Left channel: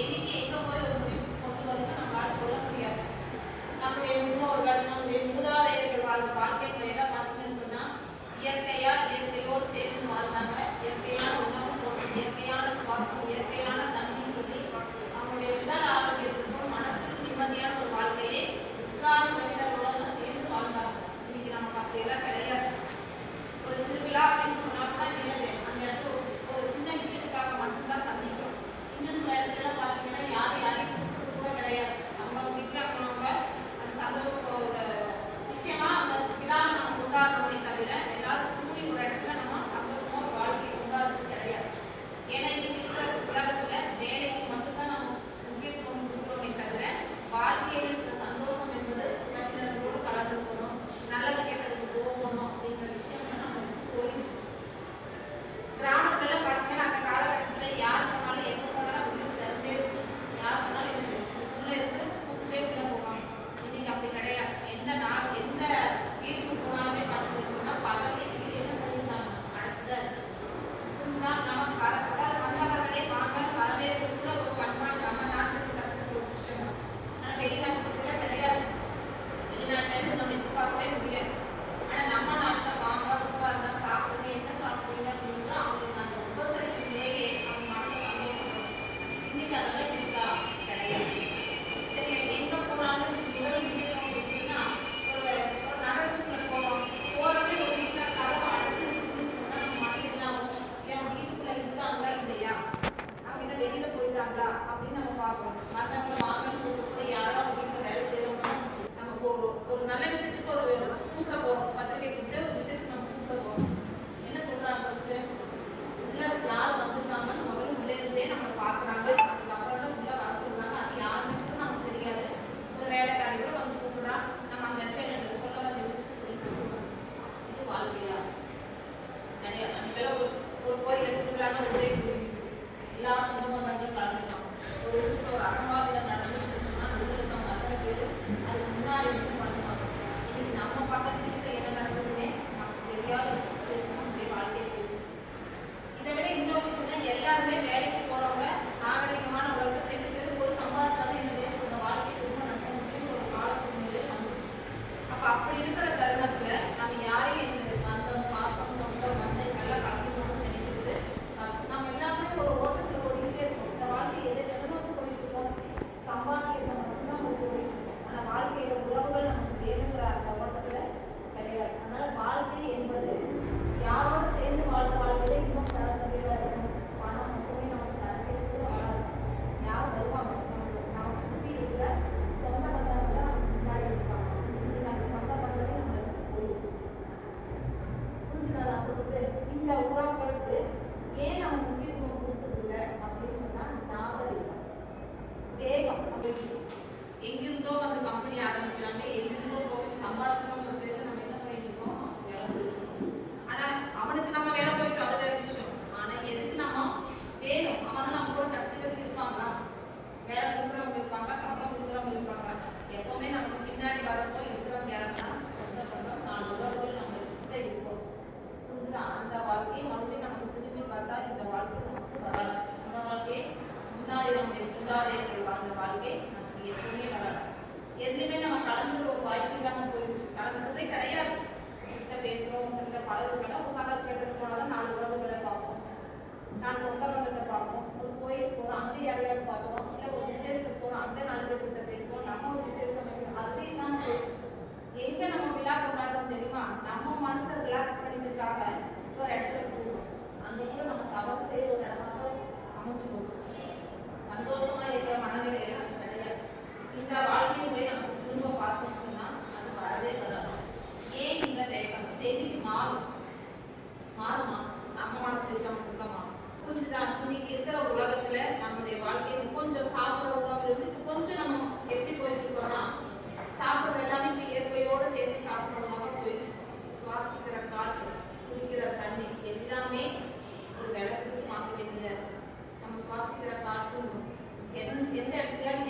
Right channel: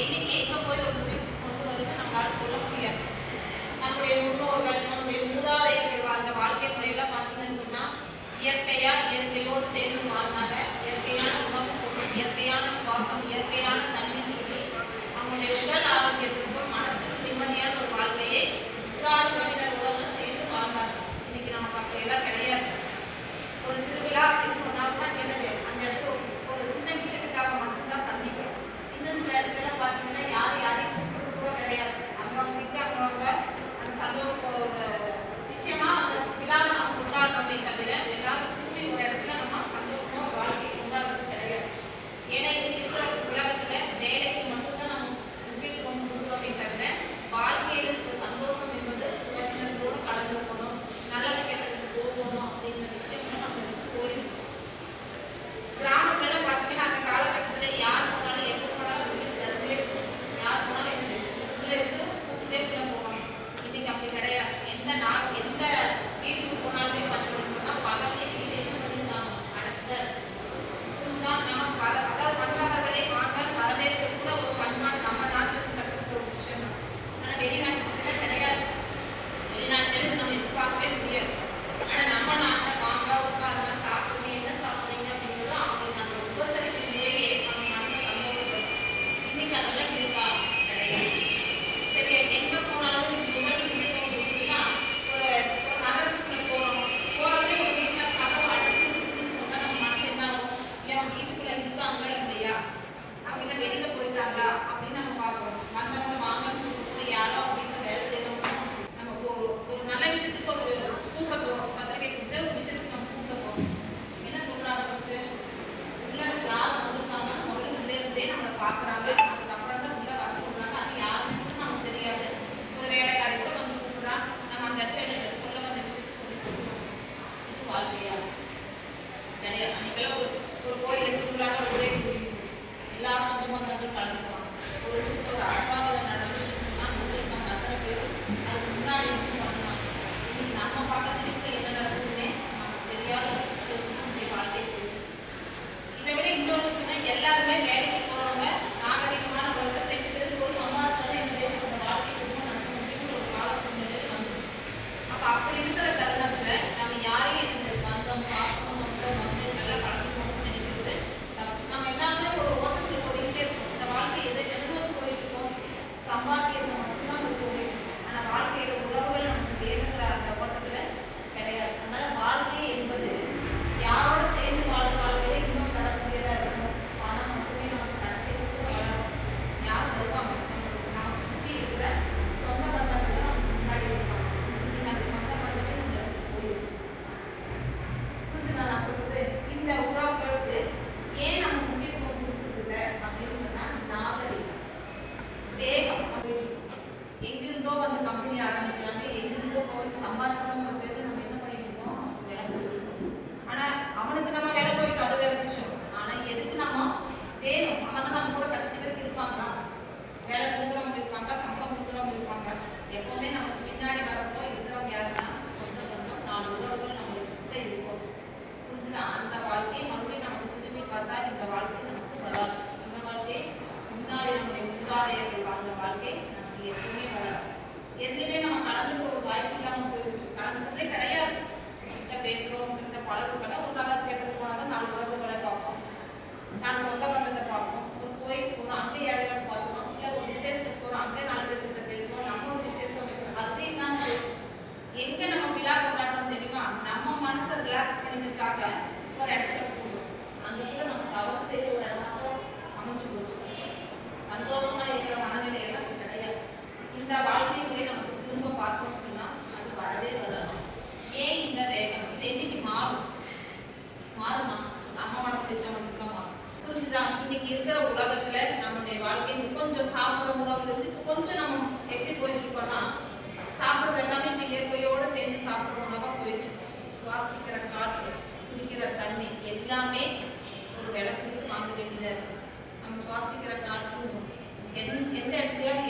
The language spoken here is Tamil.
எண்ணிக்கை எங்கே போய் ஒரு முடிவு கொண்டு வரும்னு நம்மளால் சொல்ல முடியாது. நம்முடைய முன்னோர்கள் நம்முடைய மூதாதையர்கள் வாழ்ந்த வாழ்க்கை முறையெல்லாம் பார்த்தீங்கன்னு சொன்னால் இயற்கையாக இயற்கையோடு சேர்ந்து மாறும் அப்படி இருக்கிற நம்முடைய மூதாதையர்கள் வாழ்ந்த வாழ்க்கை நமக்கு எப்பவுமே வராது. எதுலையுமே நம்ம கலந்துக்கிற ஒரு வாய்ப்பு இல்லாம போயிடுச்சு. கலந்துக்கிறதே கிடையாது. கிட்ட பேசுறோம் கிட்ட பழகுறோம் ஒரு நல்லது கெட்டது போனாதான் நாலு உறவுகளை பார்ப்போம். நான் சொந்த பந்தத்தை பார்ப்போம். ஒரு கோயிலுக்கு போறோம் அங்கே யாரையாவது பார்க்குறோம் இல்லை ஒரு விசேஷத்துக்கு போறோம் அங்கே நாலு பேர்கிட்ட பேசுவோம் நம்ம ஒரு விசேஷம் வைக்கிறோம் அதுவே இல்லாம போயிடுச்சு. எங்க நம்ம விழா கொண்டாடுறோம் தெரியுமா? நம்ம மனசை ரிலாக்ஸ் பண்ணிக்கிறதுக்காக ஒரு இடத்துல போடுவோம் அங்கே நம்ம தவறு செய்ய ஒரு இடமாக அமைச்சு போச்சு. சந்தோஷமா இருக்கிற மனநிலை எல்லாம் அது கிடையாது. இந்த வாழ்க்கை முறை நமக்கு திரும்ப பார்த்தோம் சொன்னா அது வரவே வராது. ஏன் இந்த வேகம்? இது என்னைக்கு மாறும்? மாறுமா? நம்ம மனசு வச்சா மட்டும்தான் மாறும் புரிஞ்சுதா? இன்னைக்கு இருக்கிற உலகத்துல நம்மளுடைய வாழ்க்கை கொஞ்சம் சாப்பிடுற உணவுல இருந்து கொஞ்சம் நம்ம எப்படி போயிட்டு இருக்கோம்னா சாப்பிடுறது எல்லாமே இப்ப இயற்கையோட சேர்ந்து சாப்பிடுற உணவா போயிடுச்சு. சுவாசிக்கிற காற்று குடிக்கிற தண்ணி எல்லாமே ஒரு விலை கொடுத்து வாங்க வேண்டியதா இருக்கு. நம்ம சுவாசிக்கிற காற்று In in 带